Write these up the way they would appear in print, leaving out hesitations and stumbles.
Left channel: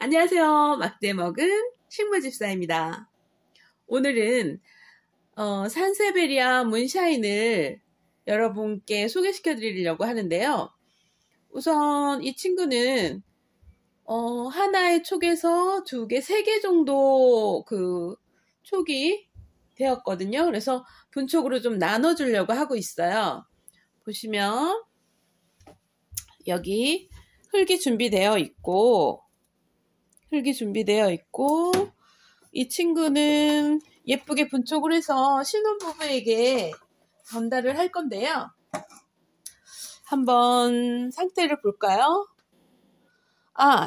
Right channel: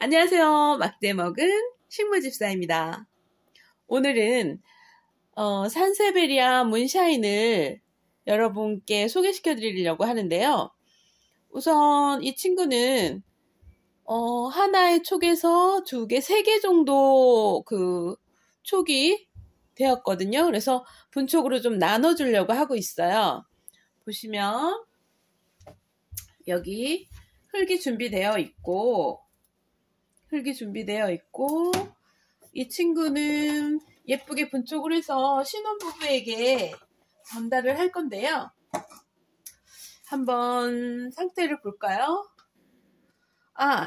안녕하세요. 막대 먹은 식물집사입니다. 오늘은 산세베리아 문샤인을 여러분께 소개시켜 드리려고 하는데요. 우선 이 친구는 하나의 촉에서 2개, 3개 정도 그 촉이 되었거든요. 그래서 분촉으로 좀 나눠주려고 하고 있어요. 보시면 여기 흙이 준비되어 있고 이 친구는 예쁘게 분촉을 해서 신혼부부에게 전달을 할 건데요. 한번 상태를 볼까요?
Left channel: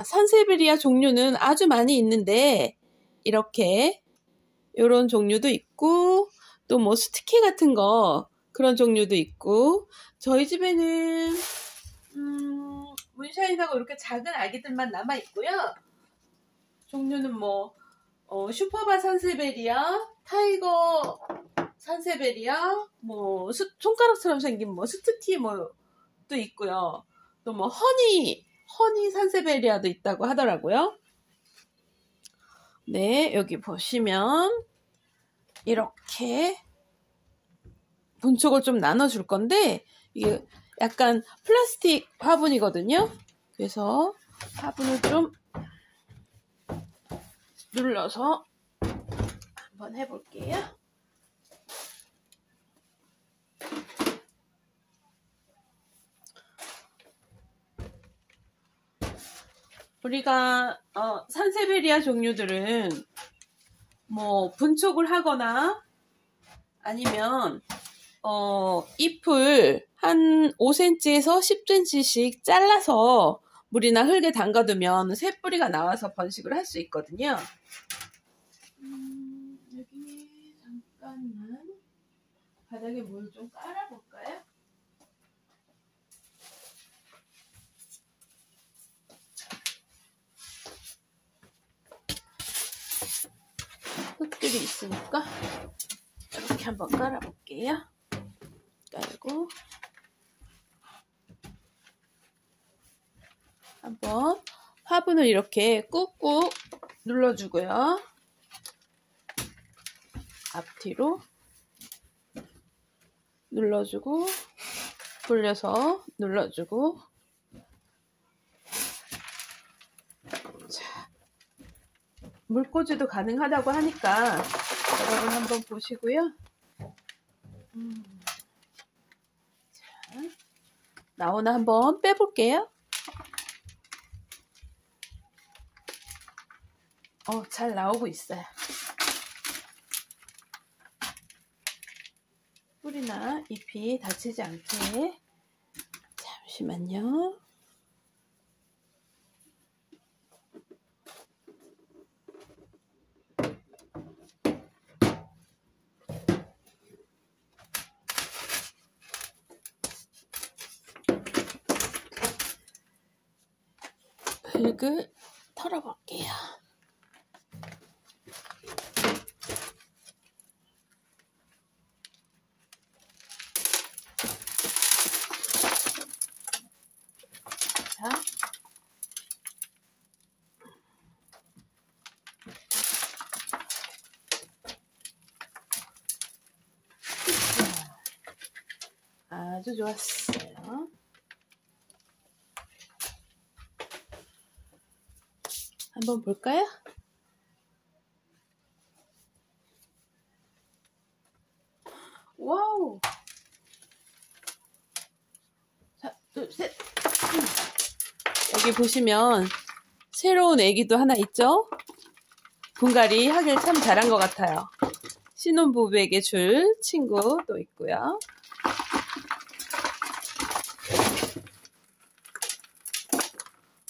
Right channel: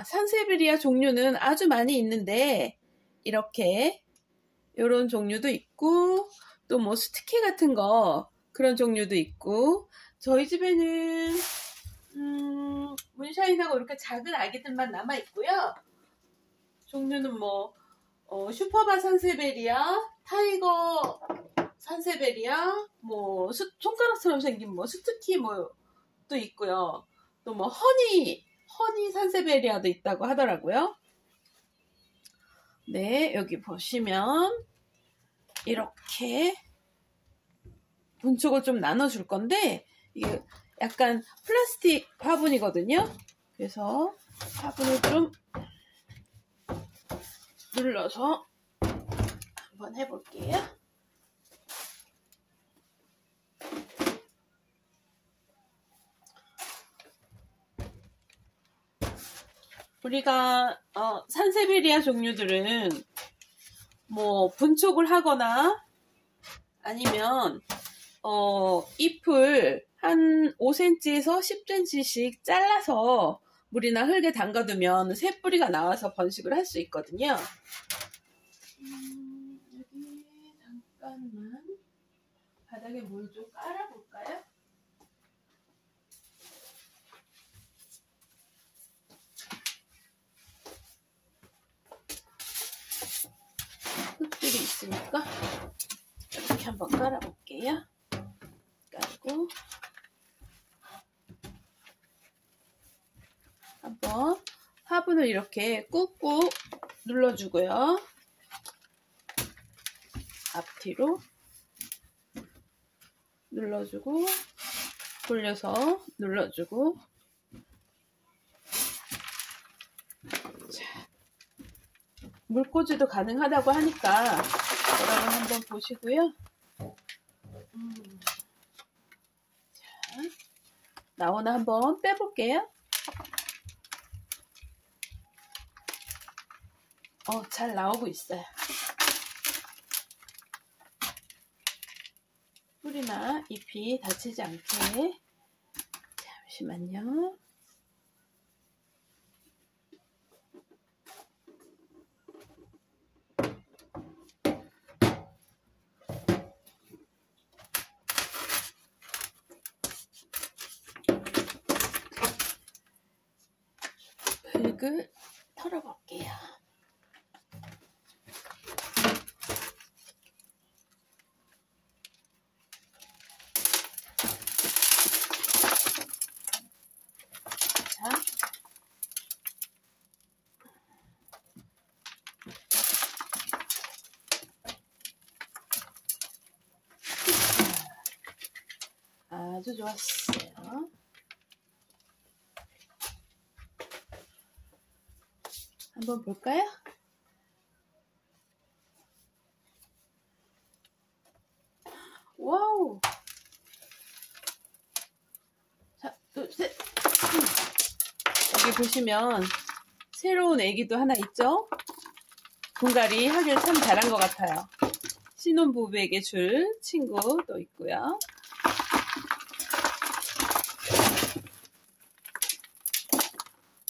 산세베리아 종류는 아주 많이 있는데 이렇게 이런 종류도 있고 또 뭐 스티키 같은 거 그런 종류도 있고 저희 집에는 문샤인하고 이렇게 작은 아기들만 남아 있고요. 종류는 뭐 슈퍼바 산세베리아, 타이거 산세베리아, 뭐 손가락처럼 생긴 뭐 스투키 뭐도 있고요. 또 뭐 허니 산세베리아도 있다고 하더라고요. 네, 여기 보시면 이렇게 분촉을 좀 나눠줄 건데 이게 약간 플라스틱 화분이거든요. 그래서 화분을 좀 눌러서 한번 해볼게요. 우리가 산세베리아 종류들은 뭐 분촉을 하거나 아니면 잎을 한 5cm에서 10cm씩 잘라서 물이나 흙에 담가두면 새 뿌리가 나와서 번식을 할 수 있거든요. 여기 잠깐만 바닥에 물 좀 깔아볼까요? 흙들이 있으니까 이렇게 한번 깔아볼게요. 깔고 한번 화분을 이렇게 꾹꾹 눌러주고요. 앞뒤로 눌러주고 돌려서 눌러주고 자, 물꽂이도 가능하다고 하니까 여러분 한번 보시고요. 자, 나오나 한번 빼볼게요. 잘 나오고 있어요. 뿌리나 잎이 다치지 않게. 잠시만요. 흙을 털어볼게요. 아주 좋았어요. 한번 볼까요? 와우! 자, 둘, 셋! 여기 보시면 새로운 애기도 하나 있죠? 분갈이 하길 참 잘한 것 같아요. 신혼부부에게 줄 친구도 있고요.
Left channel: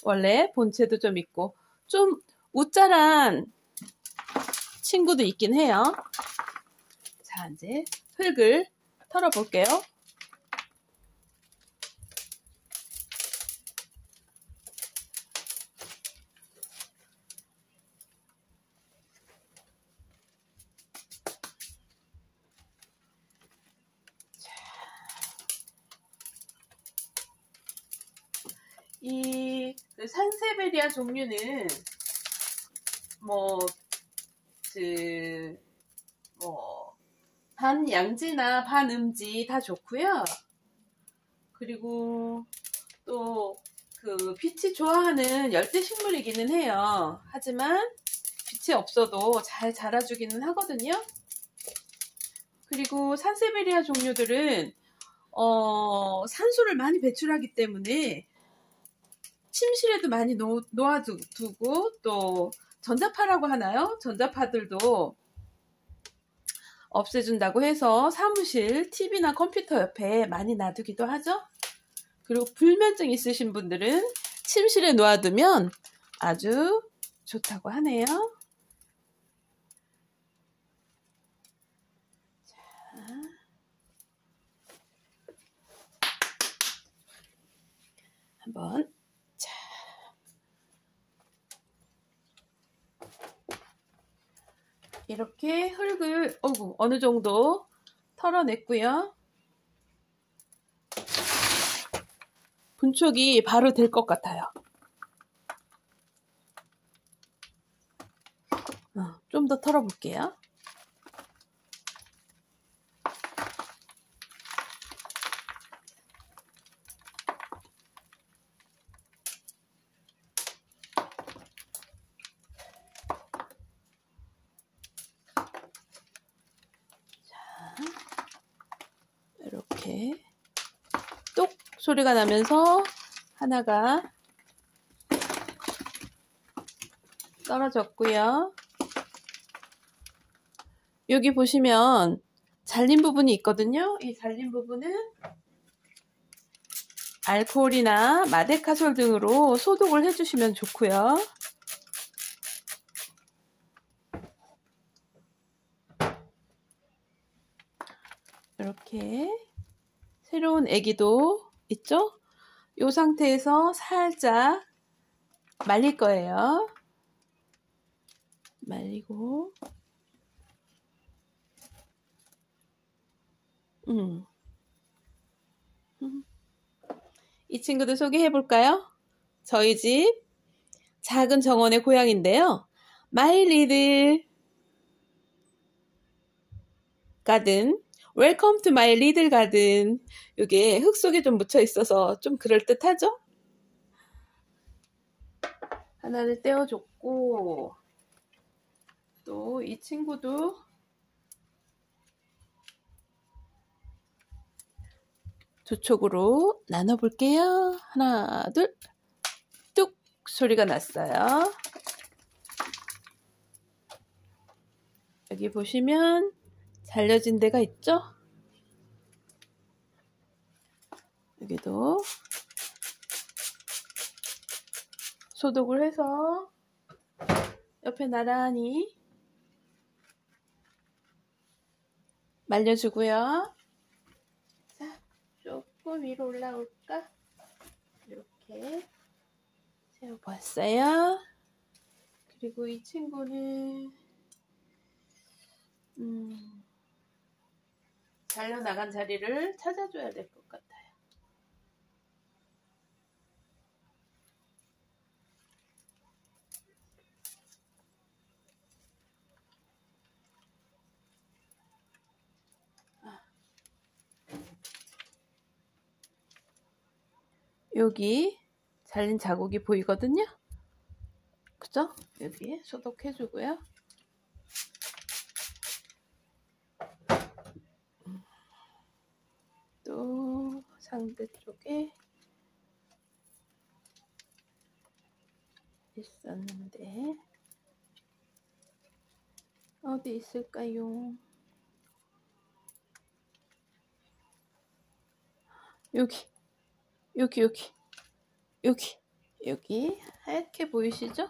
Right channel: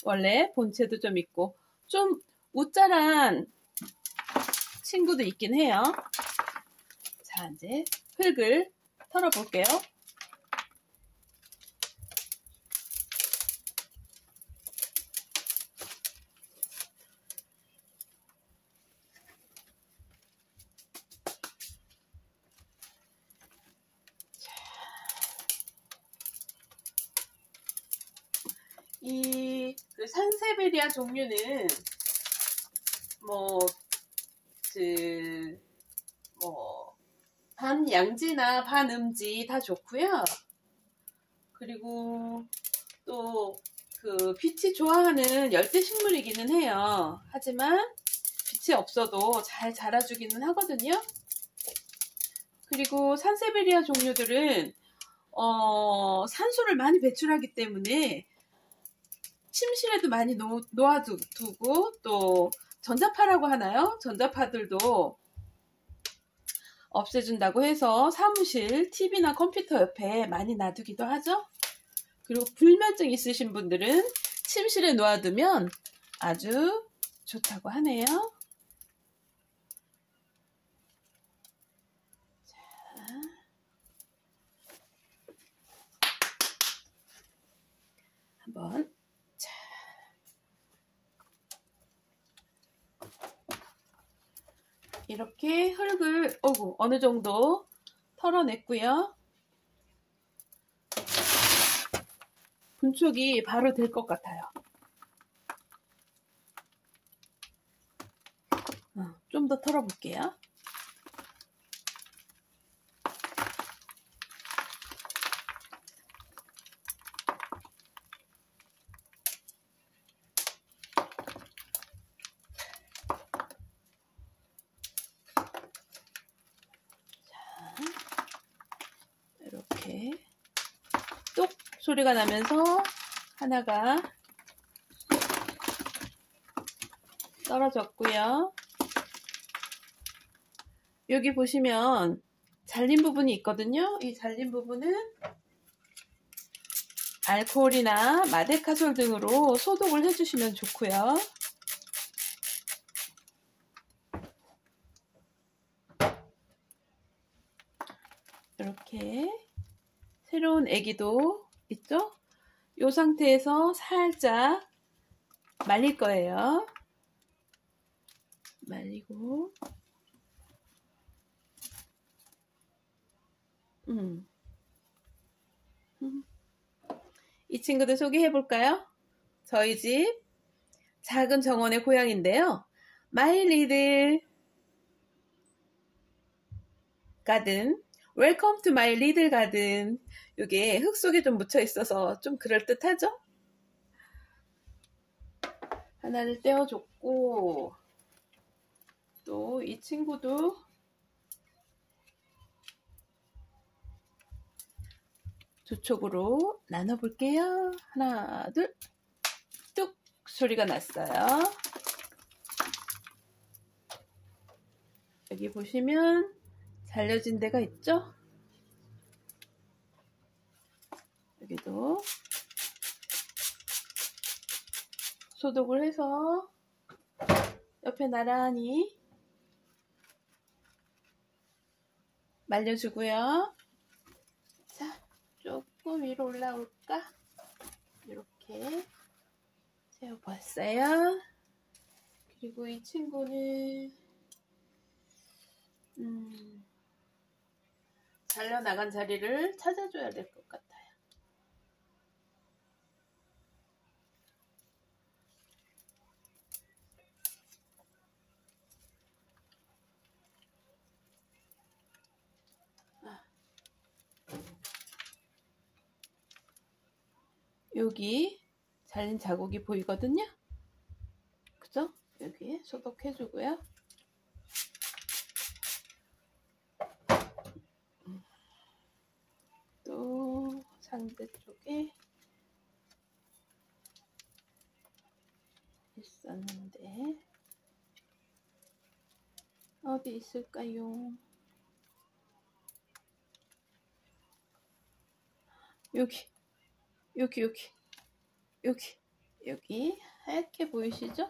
원래 본체도 좀 있고 좀 우짜란 친구도 있긴 해요. 자, 이제 흙을 털어볼게요. 이 산세베리아 종류는 뭐, 그, 뭐, 반양지나 반음지 다 좋고요. 그리고 또 그 빛이 좋아하는 열대식물이기는 해요. 하지만 빛이 없어도 잘 자라주기는 하거든요. 그리고 산세베리아 종류들은 산소를 많이 배출하기 때문에 침실에도 많이 놓아두고, 또 전자파라고 하나요? 전자파들도 없애준다고 해서 사무실, TV나 컴퓨터 옆에 많이 놔두기도 하죠. 그리고 불면증 있으신 분들은 침실에 놓아두면 아주 좋다고 하네요. 자, 한번 이렇게 흙을 어느 정도 털어냈고요. 분촉이 바로 될 것 같아요. 좀 더 털어볼게요. 이렇게 똑 소리가 나면서 하나가 떨어졌고요. 여기 보시면 잘린 부분이 있거든요. 이 잘린 부분은 알코올이나 마데카솔 등으로 소독을 해주시면 좋고요. 이렇게 새로운 애기도 있죠? 이 상태에서 살짝 말릴 거예요. 말리고 이 친구들 소개해 볼까요? 저희 집 작은 정원의 고양인데요. 마이 리들 가든, 웰컴 투 마이 리들 가든. 이게 흙 속에 좀 묻혀 있어서 좀 그럴듯하죠? 하나를 떼어줬고, 또 이 친구도 두 촉으로 나눠볼게요. 하나, 둘, 뚝 소리가 났어요. 여기 보시면 잘려진 데가 있죠? 여기도 소독을 해서 옆에 나란히 말려주고요. 자, 조금 위로 올라올까? 이렇게 세워봤어요. 그리고 이 친구는 잘려나간 자리를 찾아줘야 될 것 같아요. 여기 잘린 자국이 보이거든요. 그죠? 여기에 소독해주고요. 또 상대 쪽에 있었는데 어디 있을까요? 여기 하얗게 보이시죠?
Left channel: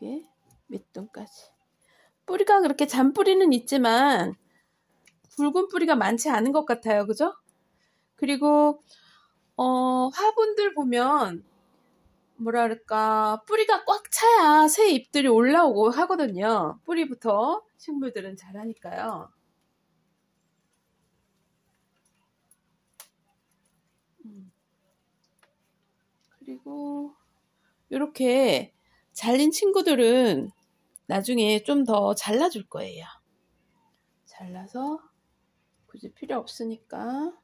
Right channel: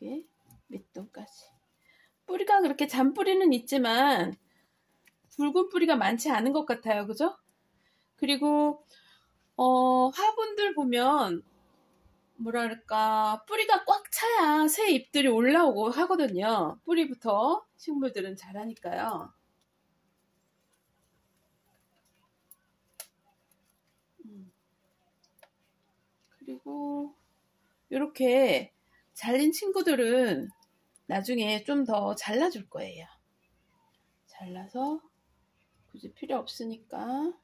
여기 밑둥까지. 뿌리가 그렇게 잔뿌리는 있지만 붉은 뿌리가 많지 않은 것 같아요. 그죠? 그리고 화분들 보면 뭐랄까 뿌리가 꽉 차야 새 잎들이 올라오고 하거든요. 뿌리부터 식물들은 자라니까요. 그리고 이렇게 잘린 친구들은 나중에 좀 더 잘라줄 거예요. 잘라서 굳이 필요 없으니까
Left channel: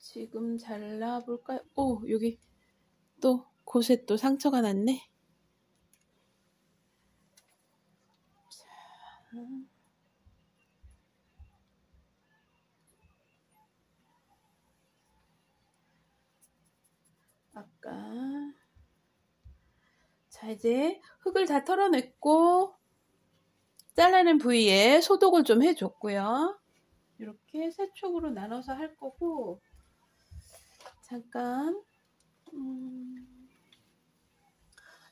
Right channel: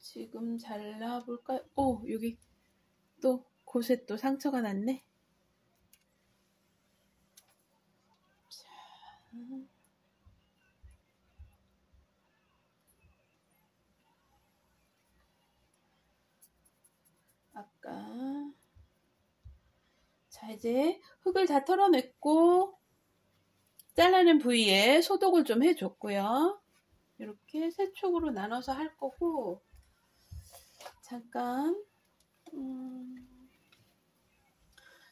지금 잘라볼까요? 오, 여기 또 곳에 또 상처가 났네. 자, 아까 자, 이제 흙을 다 털어냈고 잘라낸 부위에 소독을 좀 해줬고요. 이렇게 세 쪽으로 나눠서 할 거고 잠깐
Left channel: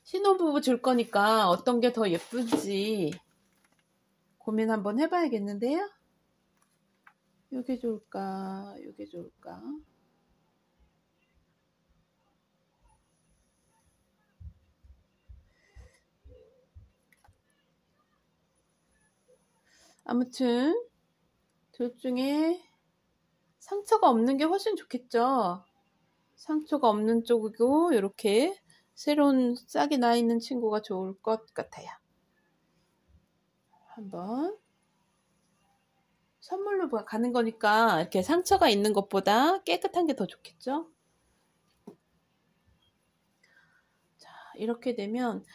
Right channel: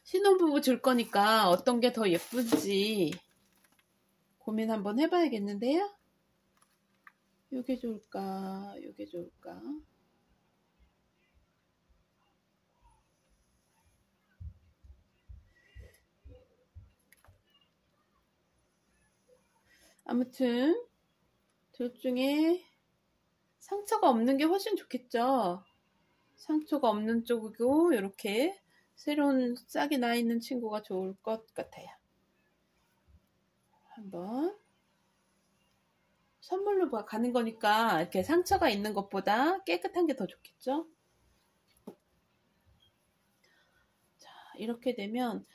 신혼부부 줄 거니까 어떤 게 더 예쁜지 고민 한번 해봐야겠는데요. 요게 좋을까? 요게 좋을까? 아무튼 둘 중에 상처가 없는 게 훨씬 좋겠죠. 상처가 없는 쪽이고 이렇게 새로운 싹이 나 있는 친구가 좋을 것 같아요. 한번 선물로 가는 거니까 이렇게 상처가 있는 것보다 깨끗한 게 더 좋겠죠. 자, 이렇게 되면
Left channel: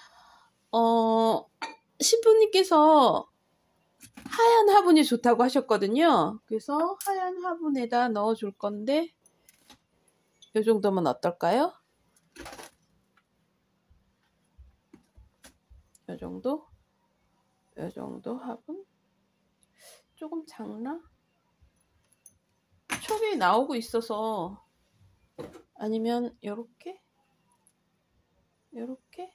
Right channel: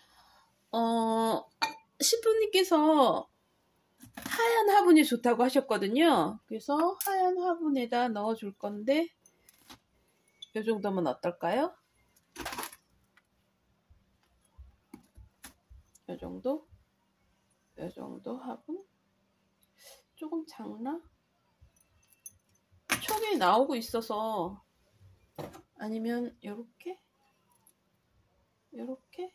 신부님께서 하얀 화분이 좋다고 하셨거든요. 그래서 하얀 화분에다 넣어 줄 건데 이 정도면 어떨까요? 이 정도? 이 정도 화분? 조금 작나? 촉이 나오고 있어서 아니면 요렇게? 요렇게?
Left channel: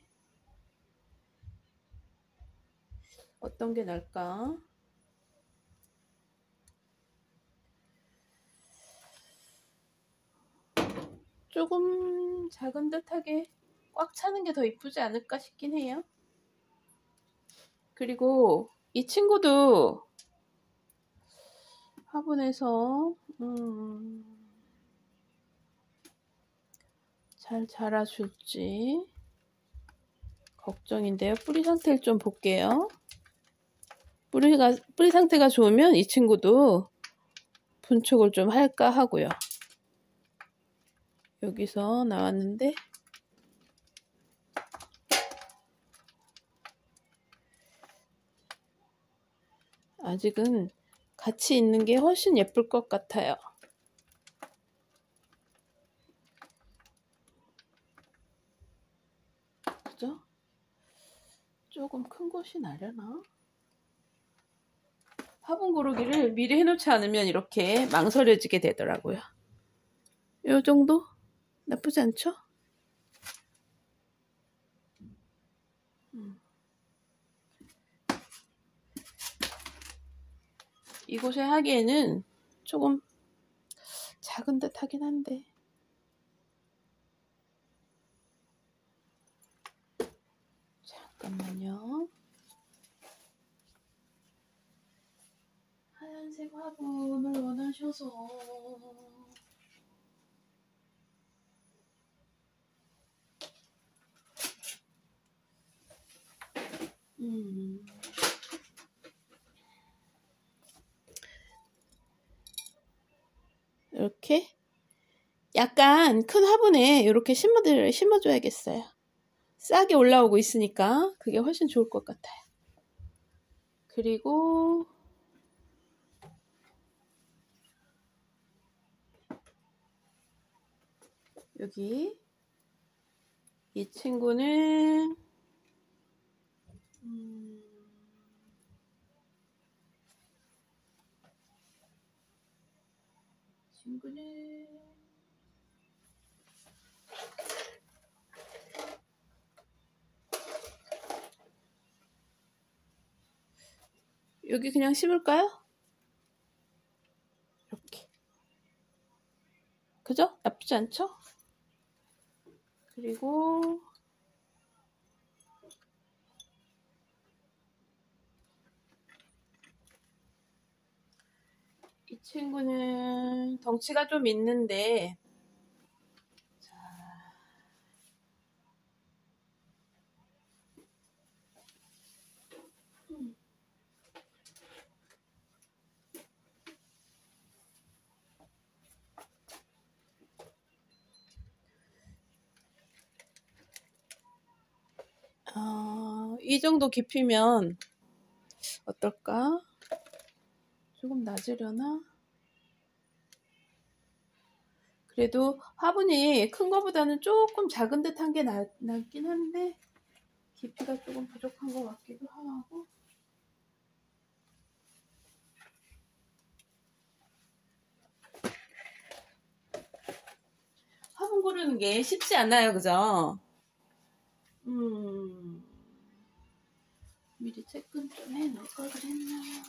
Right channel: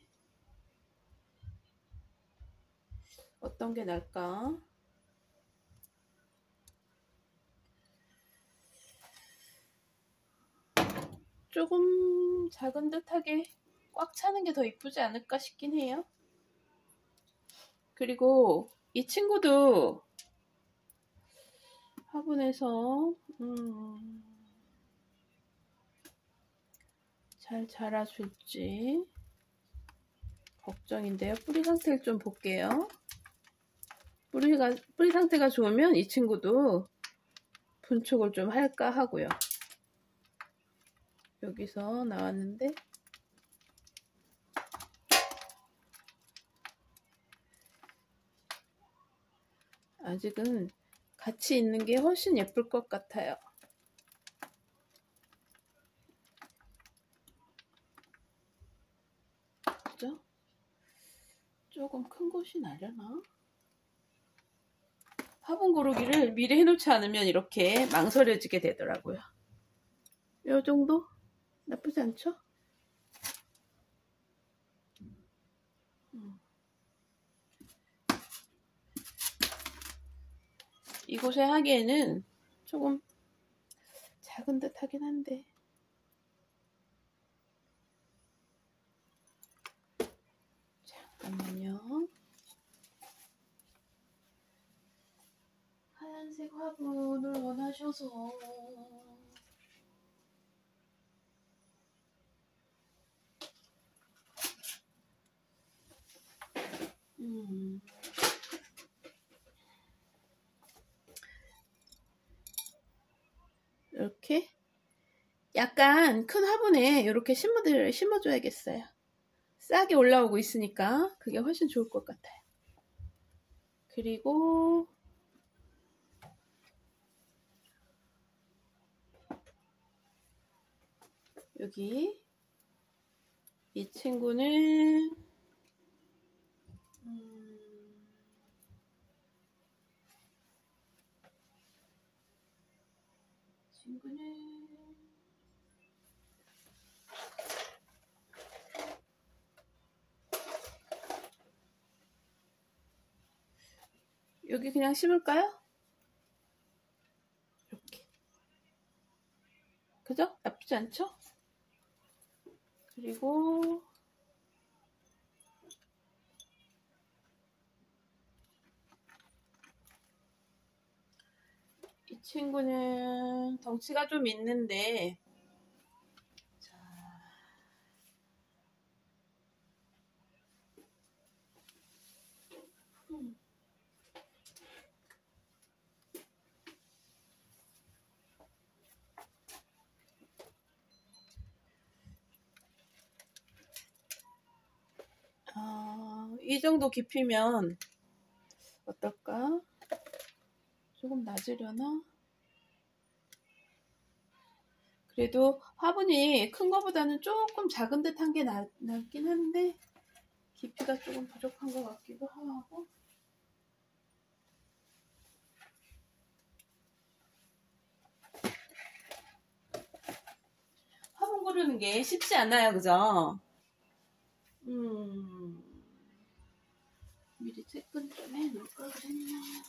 어떤 게 나을까? 조금 작은 듯하게 꽉 차는 게 더 이쁘지 않을까 싶긴 해요. 그리고 이 친구도 화분에서 잘 자라줄지 걱정인데요. 뿌리 상태를 좀 볼게요. 뿌리 상태가 좋으면 이 친구도 분촉을 좀 할까 하고요. 여기서 나왔는데 아직은 같이 있는 게 훨씬 예쁠 것 같아요. 그죠? 조금 큰 곳이 나려나? 화분 고르기를 미리 해놓지 않으면 이렇게 망설여지게 되더라고요. 이 정도? 나쁘지 않죠? 이곳에 하기에는 조금 작은 듯 하긴 한데 잠깐만요. 하얀색 화분을 원하셔서 이렇게 약간 큰 화분에 이렇게 심어줘야겠어요. 싹이 올라오고 있으니까 그게 훨씬 좋을 것 같아요. 그리고 여기 이 친구는 여기 그냥 심을까요? 이렇게. 그죠? 나쁘지 않죠? 그리고 이 이 친구는 덩치가 좀 있는데, 자, 이 정도 깊이면 어떨까? 조금 낮으려나? 그래도 화분이 큰 거보다는 조금 작은 듯한 게 낫긴 한데 깊이가 조금 부족한 것 같기도 하고. 화분 고르는 게 쉽지 않아요, 그죠? 미리 채끈 좀 해놓을 걸 그랬나.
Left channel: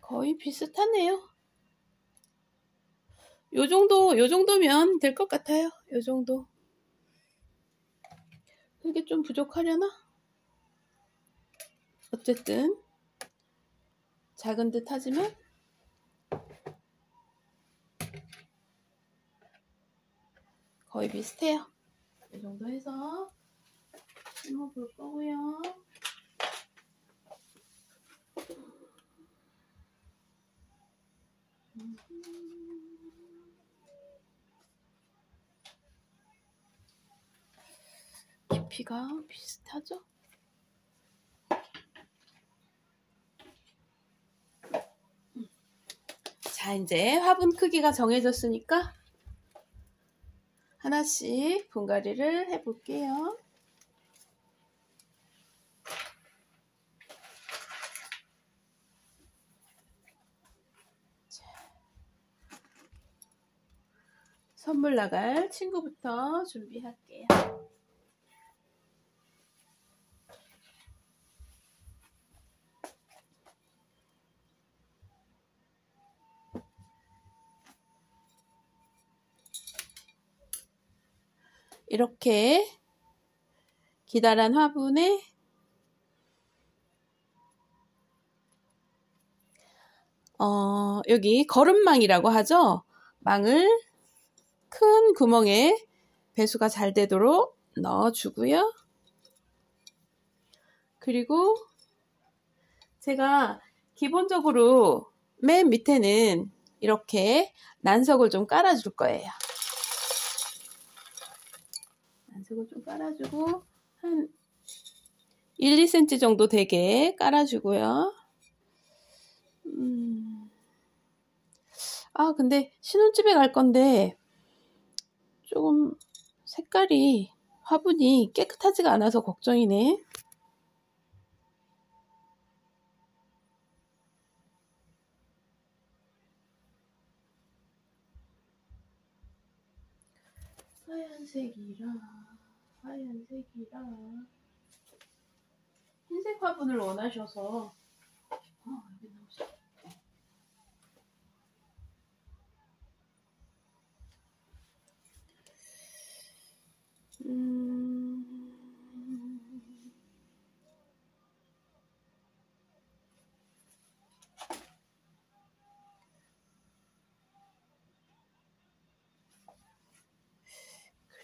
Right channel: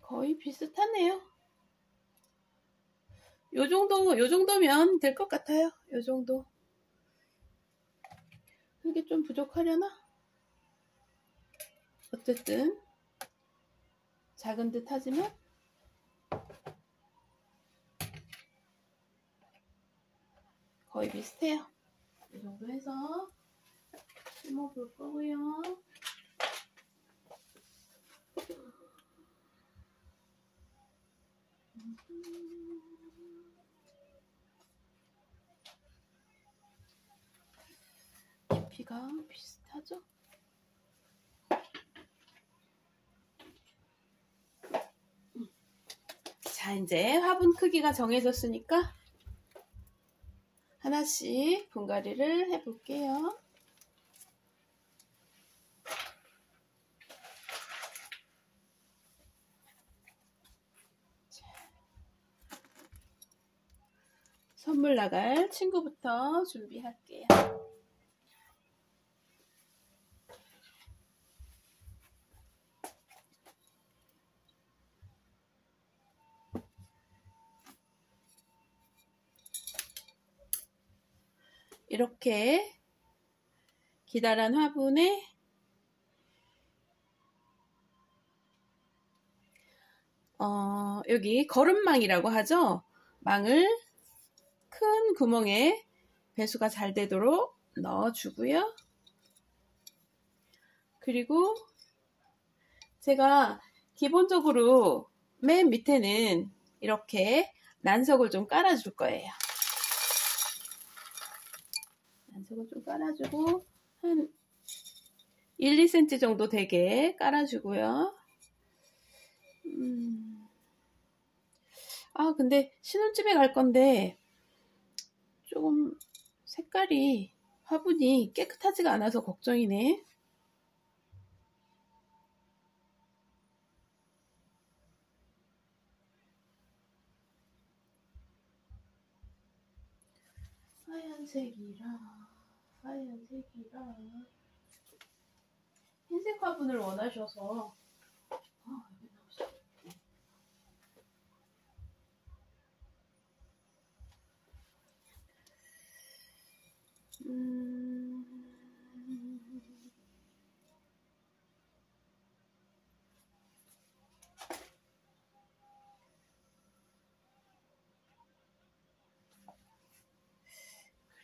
거의 비슷하네요. 요 정도면 될 것 같아요. 요 정도. 그게 좀 부족하려나? 어쨌든 작은 듯 하지만 거의 비슷해요. 이 정도 해서 심어볼 거고요. 깊이가 비슷하죠? 자, 이제 화분 크기가 정해졌으니까 하나씩 분갈이를 해볼게요. 선물 나갈 친구부터 준비할게요. 이렇게 기다란 화분에 여기 거름망이라고 하죠. 망을 큰 구멍에 배수가 잘 되도록 넣어주고요. 그리고 제가 기본적으로 맨 밑에는 이렇게 난석을 좀 깔아줄 거예요. 난석을 좀 깔아주고 한 1, 2cm 정도 되게 깔아주고요. 근데 신혼집에 갈 건데 조금 색깔이 화분이 깨끗하지가 않아서 걱정이네. 하얀색이라 흰색 화분을 원하셔서 여기 넣으세요.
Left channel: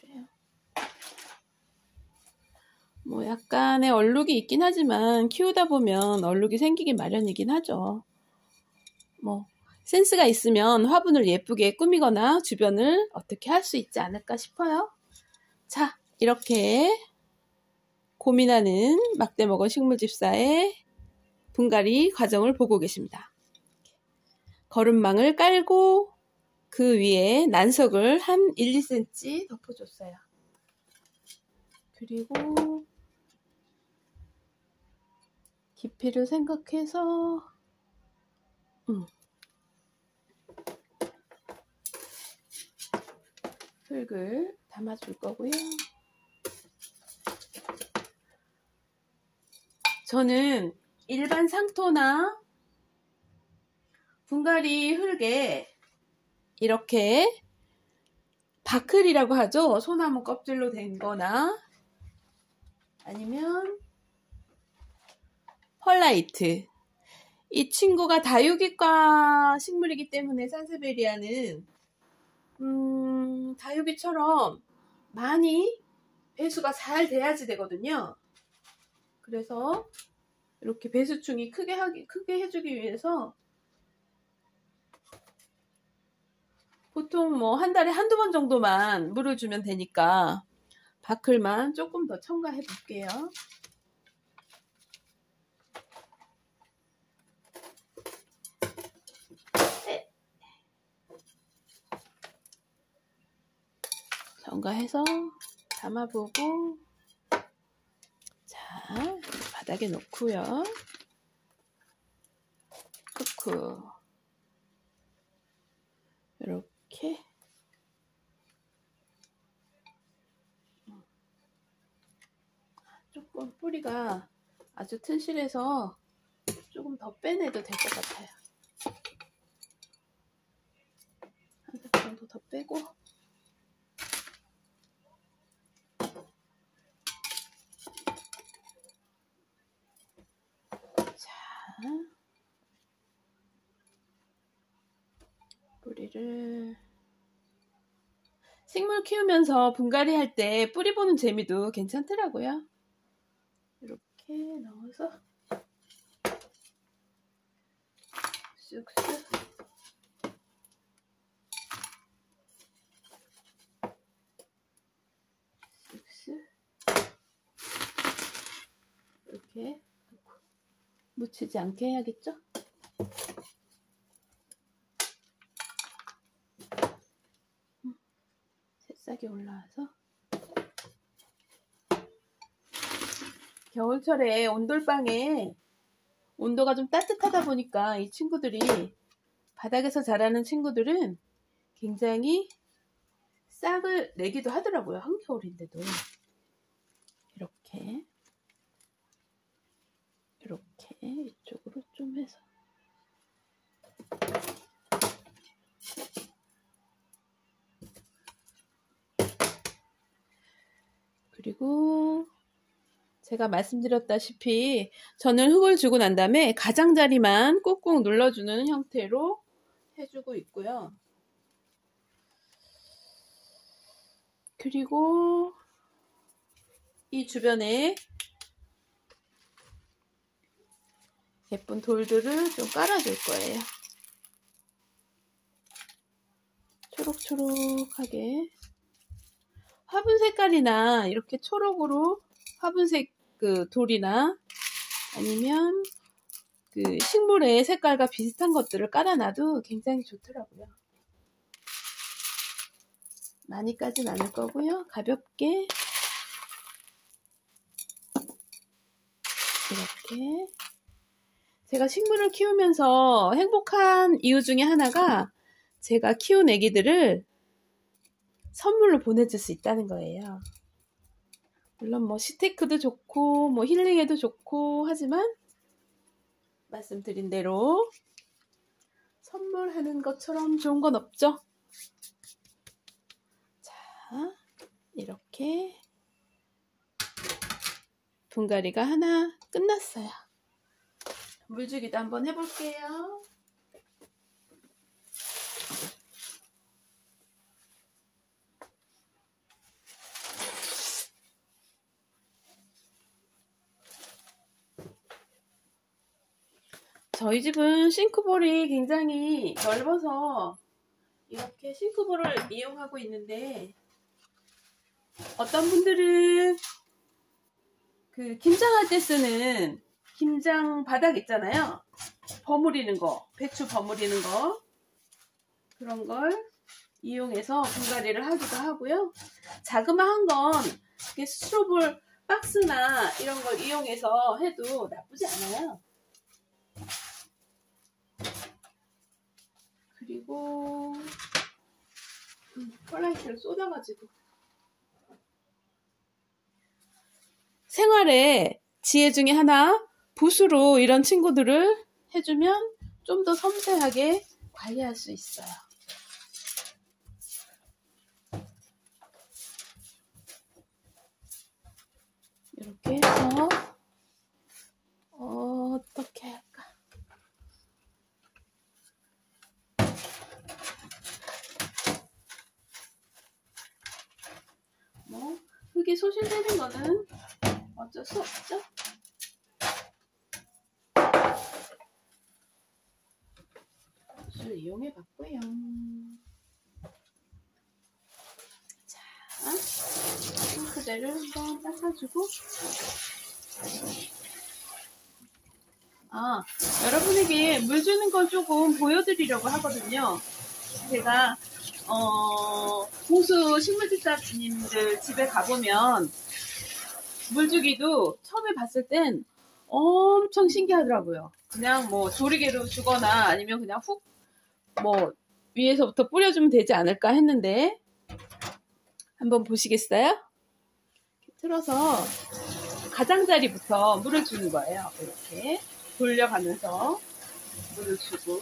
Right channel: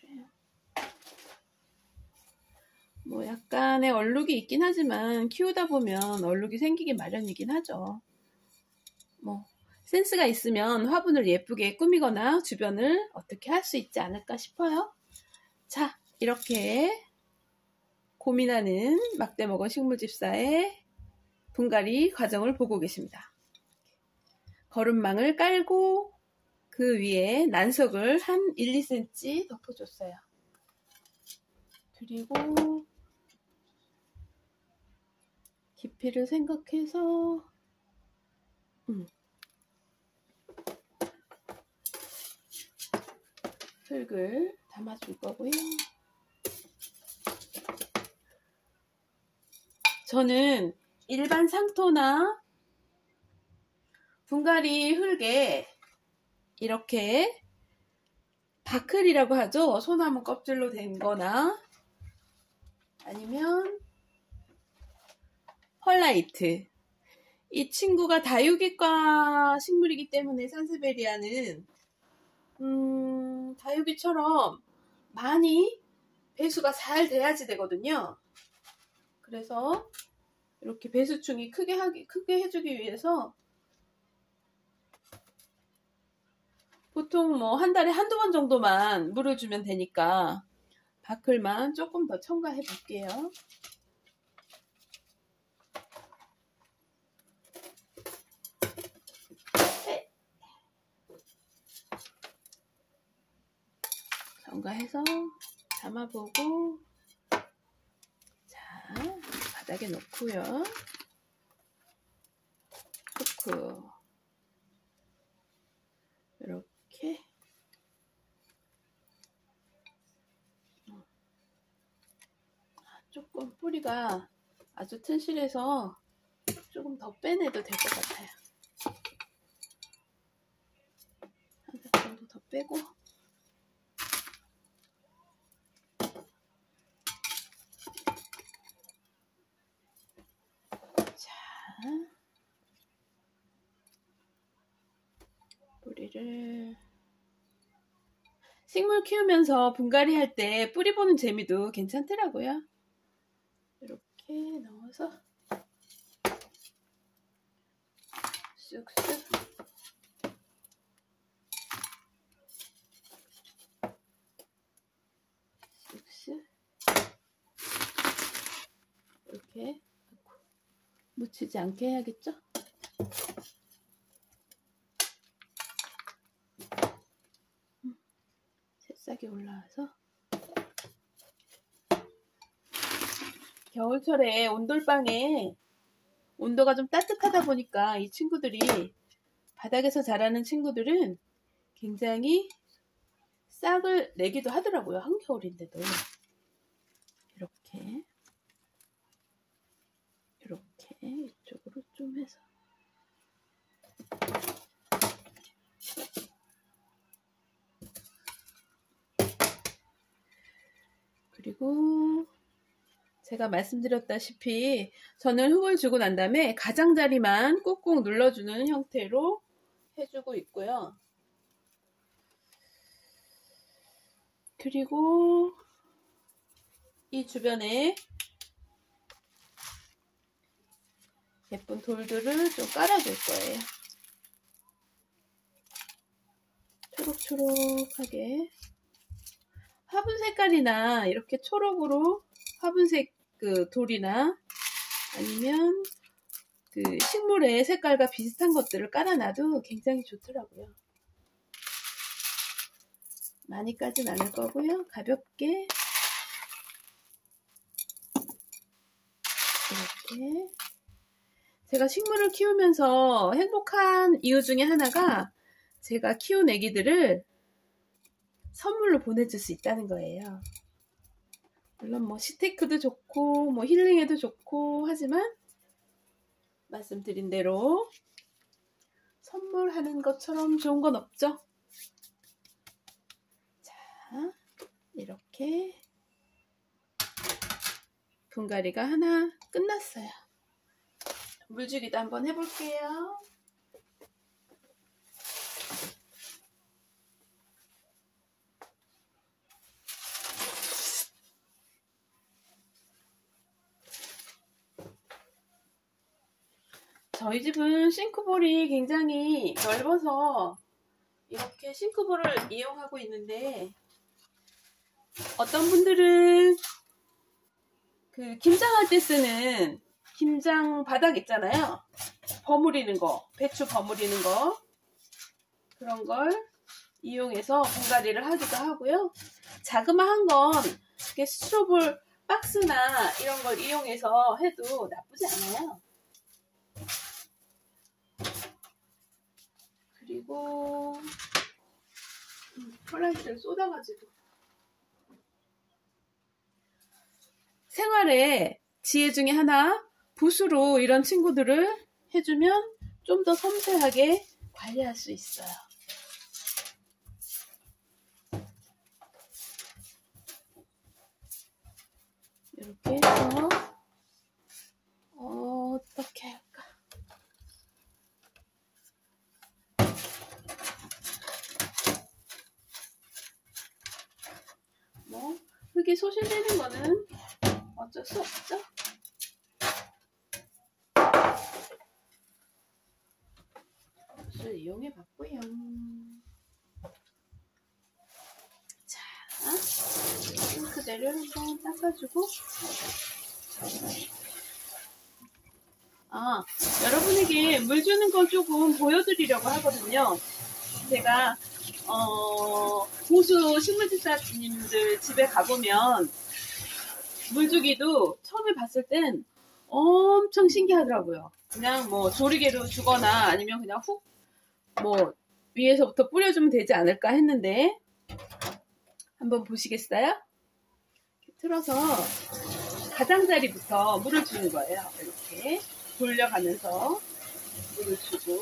그래요. 뭐 약간의 얼룩이 있긴 하지만 키우다 보면 얼룩이 생기기 마련이긴 하죠. 뭐 센스가 있으면 화분을 예쁘게 꾸미거나 주변을 어떻게 할 수 있지 않을까 싶어요. 자, 이렇게 고민하는 막대먹어 식물집사의 분갈이 과정을 보고 계십니다. 거름망을 깔고 그 위에 난석을 한 1, 2cm 덮어줬어요. 그리고 깊이를 생각해서 흙을 담아줄 거고요. 저는 일반 상토나 분갈이 흙에 이렇게 바클이라고 하죠. 소나무 껍질로 된 거나 아니면 펄라이트. 이 친구가 다육이과 식물이기 때문에 산세베리아는 다육이처럼 많이 배수가 잘 돼야지 되거든요. 그래서 이렇게 배수충이 크게 해주기 위해서 보통 뭐 한 달에 한두 번 정도만 물을 주면 되니까 바클만 조금 더 첨가해 볼게요. 첨가해서 담아보고, 자, 바닥에 놓고요. 후크 이렇게 조금 뿌리가 아주 튼실해서 조금 더 빼내도 될 것 같아요. 한 살 정도 더 빼고, 자, 뿌리를 식물 키우면서 분갈이 할 때 뿌리 보는 재미도 괜찮더라고요. 이렇게 넣어서 쑥쑥 쑥쑥 이렇게 묻히지 않게 해야겠죠? 새싹이 올라와서 겨울철에 온돌방에 온도가 좀 따뜻하다 보니까 이 친구들이 바닥에서 자라는 친구들은 굉장히 싹을 내기도 하더라고요. 한겨울인데도. 이렇게 이쪽으로 좀 해서 그리고 제가 말씀드렸다시피 저는 흙을 주고 난 다음에 가장자리만 꾹꾹 눌러주는 형태로 해주고 있고요. 그리고 이 주변에 예쁜 돌들을 좀 깔아줄 거예요. 초록초록하게 화분 색깔이나 이렇게 초록으로 화분색 그 돌이나 아니면 그 식물의 색깔과 비슷한 것들을 깔아놔도 굉장히 좋더라고요. 많이 까진 않을 거고요. 가볍게 이렇게. 제가 식물을 키우면서 행복한 이유 중에 하나가 제가 키운 애기들을 선물로 보내줄 수 있다는 거예요. 물론 뭐 시테크도 좋고 뭐 힐링에도 좋고 하지만 말씀드린 대로 선물하는 것처럼 좋은 건 없죠. 자, 이렇게 분갈이가 하나 끝났어요. 물주기도 한번 해볼게요. 저희 집은 싱크볼이 굉장히 넓어서 이렇게 싱크볼을 이용하고 있는데 어떤 분들은 그 김장할 때 쓰는 김장 바닥 있잖아요. 버무리는 거, 배추 버무리는 거 그런 걸 이용해서 분갈이를 하기도 하고요. 자그마한 건 스티로볼 박스나 이런 걸 이용해서 해도 나쁘지 않아요. 그리고 펄라이트를 쏟아가지고 생활의 지혜 중에 하나 붓으로 이런 친구들을 해주면 좀 더 섬세하게 관리할 수 있어요. 흙이 소실되는 거는 어쩔 수 없죠. 붓을 이용해 봤고요. 자, 싱크대를 한번 닦아주고, 여러분에게 물 주는 걸 조금 보여드리려고 하거든요. 제가 고수 식물집사님들 집에 가보면 물 주기도 처음에 봤을 땐 엄청 신기하더라고요. 그냥 뭐 조리개로 주거나 아니면 그냥 훅 뭐 위에서부터 뿌려주면 되지 않을까 했는데, 한번 보시겠어요? 틀어서 가장자리부터 물을 주는 거예요. 이렇게 돌려가면서 물을 주고,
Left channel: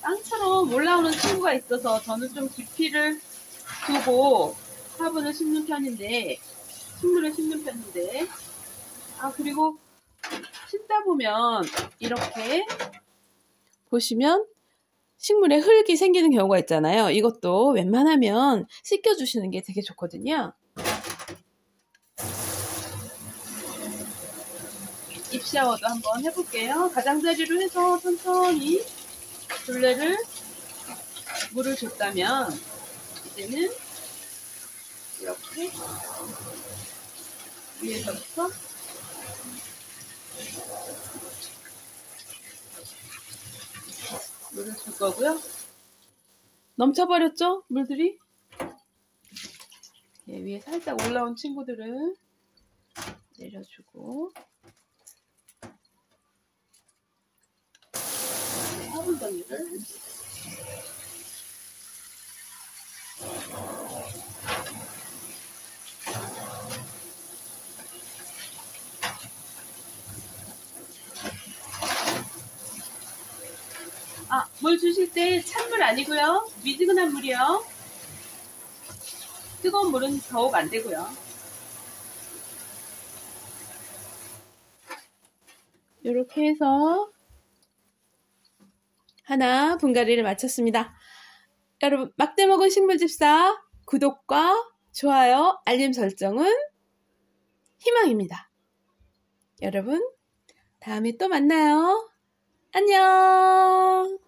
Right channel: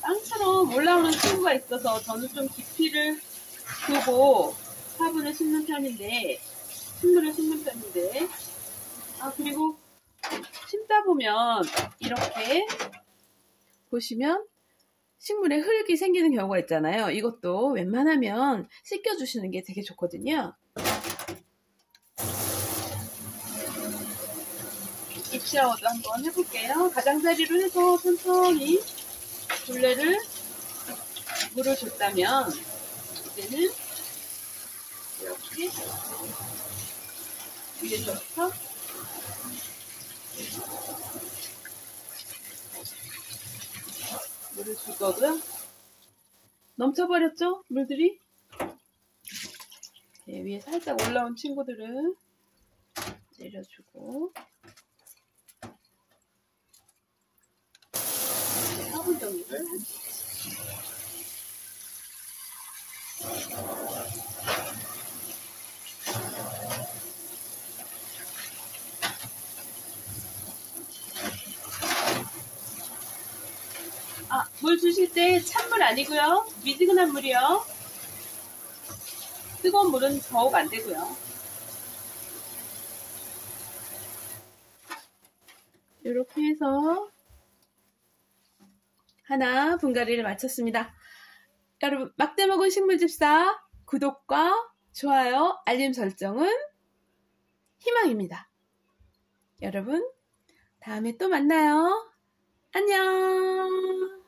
땅처럼 올라오는 친구가 있어서 저는 좀 깊이를 두고 화분을 심는 편인데, 식물을 심는 편인데, 그리고 심다 보면 이렇게 보시면 식물에 흙이 생기는 경우가 있잖아요. 이것도 웬만하면 씻겨주시는 게 되게 좋거든요. 잎샤워도 한번 해볼게요. 가장자리로 해서 천천히 둘레를 물을 줬다면 이제는 이렇게 위에서부터 물을 줄 거고요. 넘쳐버렸죠? 물들이? 네, 위에 살짝 올라온 친구들은 내려주고, 네, 화분 정리를 해주세요. 물 주실 때 찬물 아니고요. 미지근한 물이요. 뜨거운 물은 더욱 안 되고요. 이렇게 해서 하나 분갈이를 마쳤습니다. 여러분, 막대 먹은 식물집사 구독과 좋아요, 알림 설정은 희망입니다. 여러분, 다음에 또 만나요. 안녕.